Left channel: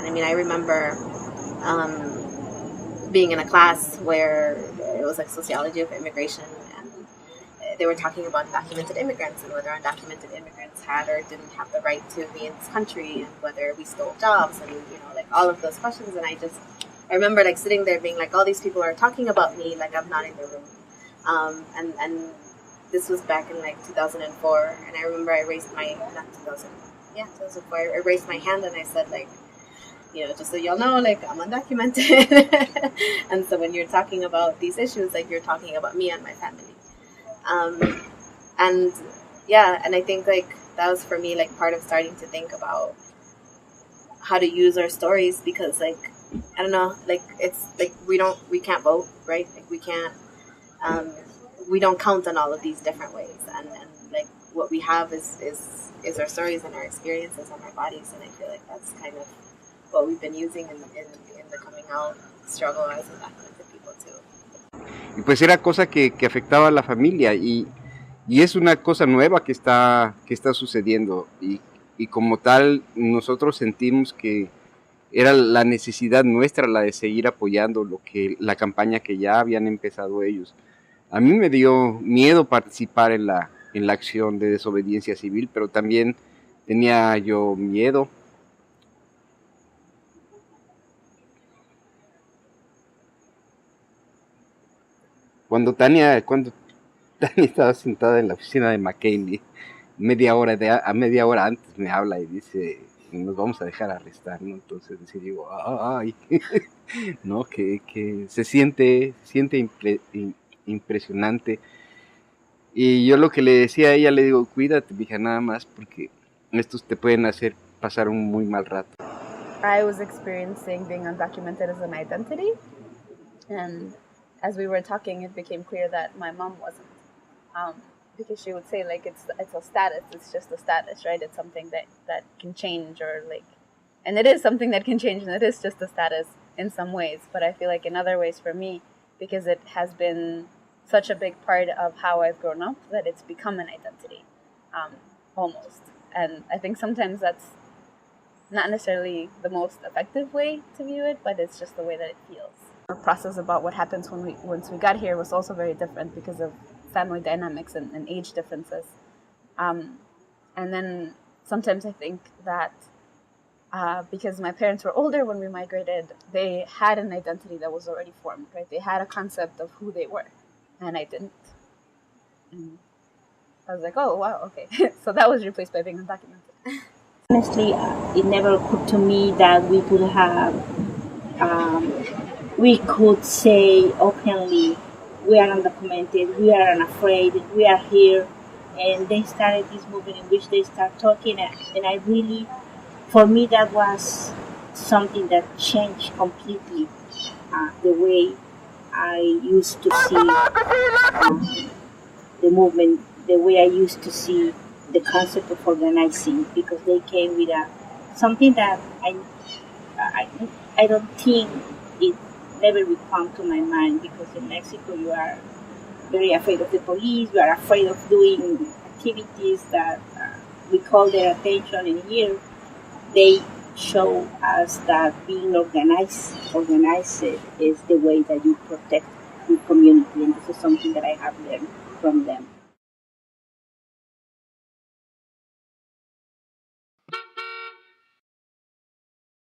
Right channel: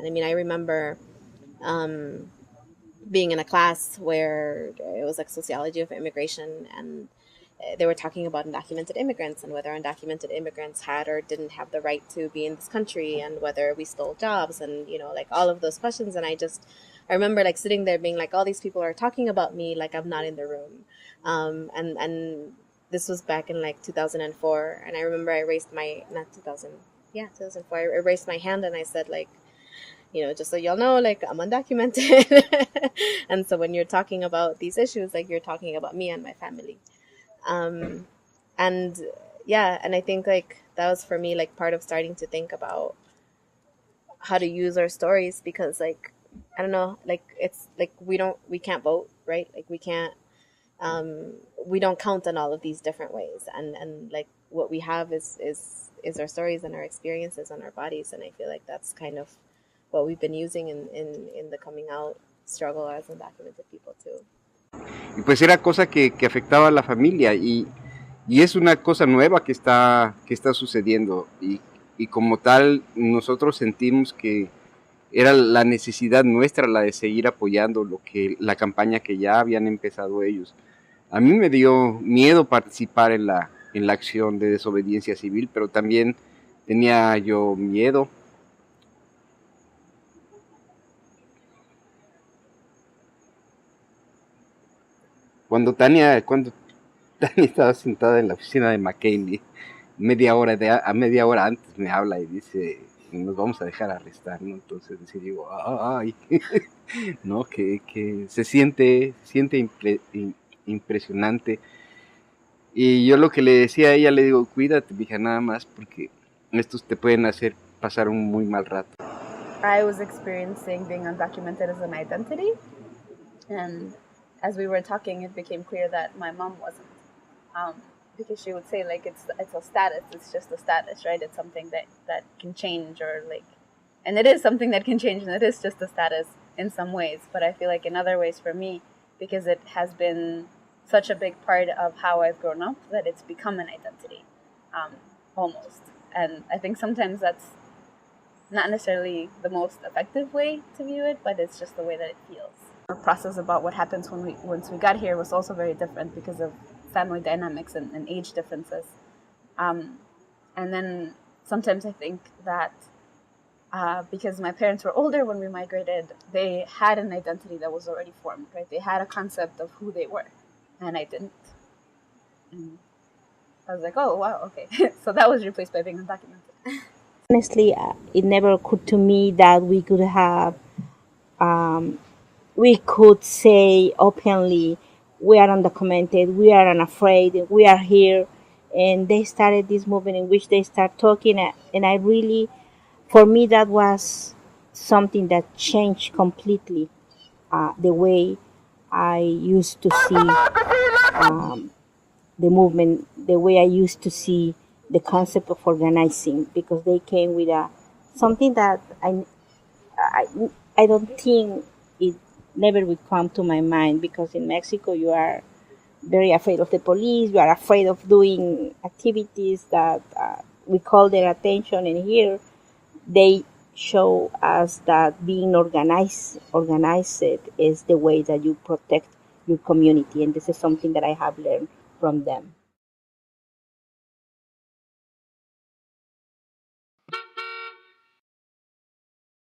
I mean, I remember being in a class where it was like sociology of immigration, and they were talking about undocumented immigrants and whether undocumented immigrants had or didn't have the right to be in this country, and whether we stole jobs, and like all of those questions. And I remember like sitting there being like, all these people are talking about me like I'm not in the room. And this was back in like 2004, and I remember I raised my, not 2000, yeah, 2004, I raised my hand and I said like, just so y'all know, like I'm undocumented. And so when you're talking about these issues, like you're talking about me and my family. And yeah, and I think like that was for me like part of starting to think about how to use our stories, because like I don't know, like it's like we can't vote, right? Like um we don't count on all of these different ways, and like what we have is our stories and our experiences and our bodies. And I feel like that's kind of what we've been using in the coming out struggle as undocumented people too. Y pues era cosa que afectaba a la familia, y es una cosa nueva que está sucediendo, y como tal nosotros sentimos que era la necesidad nuestra la de seguir apoyando la campaña que ya habían empezado ellos. A mí me dio miedo participar en la acción de desobediencia civil, pero también tenía yo miedo. Cuando Tania estaba sentada en la oficina de McKinley, media hora antes me habla y dice, nos vamos a dejar arrestar, ¿no? Entonces digo, ay, ¿no? Que se siente impresionante. Y yo lo que le decía a ella, le digo, cuídate, mija, nada más, porque estos te pueden hacer pasar un muy mal rato. I was experiencing being undocumented as an identity, and as we were talking, it became clear that my mom wasn't, because she would say like it's a status, it's just a status, right? It's something that can change, or like, and it is something that can change, and it is just a status in some ways. But I feel like in other ways for me, because it has been such a big part of how I've grown up, that it's become an identity, almost. And I think sometimes that's not necessarily the most effective way to view it, but it's just the way that it feels. The process about what happens once we got here was also very different because of family dynamics and age differences. And then sometimes I think that because my parents were older when we migrated, they had an identity that was already formed, right? They had a concept of who they were, and I didn't. And I was like, oh, wow, okay. So that was replaced by being undocumented. Honestly, it never occurred to me that we could have, we could say openly, we are undocumented, we are unafraid, we are here. And they started this movement in which they start talking, and I really, for me, that was something that changed completely the way I used to see the movement, the way I used to see the concept of organizing, because they came with something that I don't think it never would come to my mind, because in Mexico you are very afraid of the police, you are afraid of doing activities that we call their attention, and here they show us that being organized is the way that you protect your community, and this is something that I have learned from them.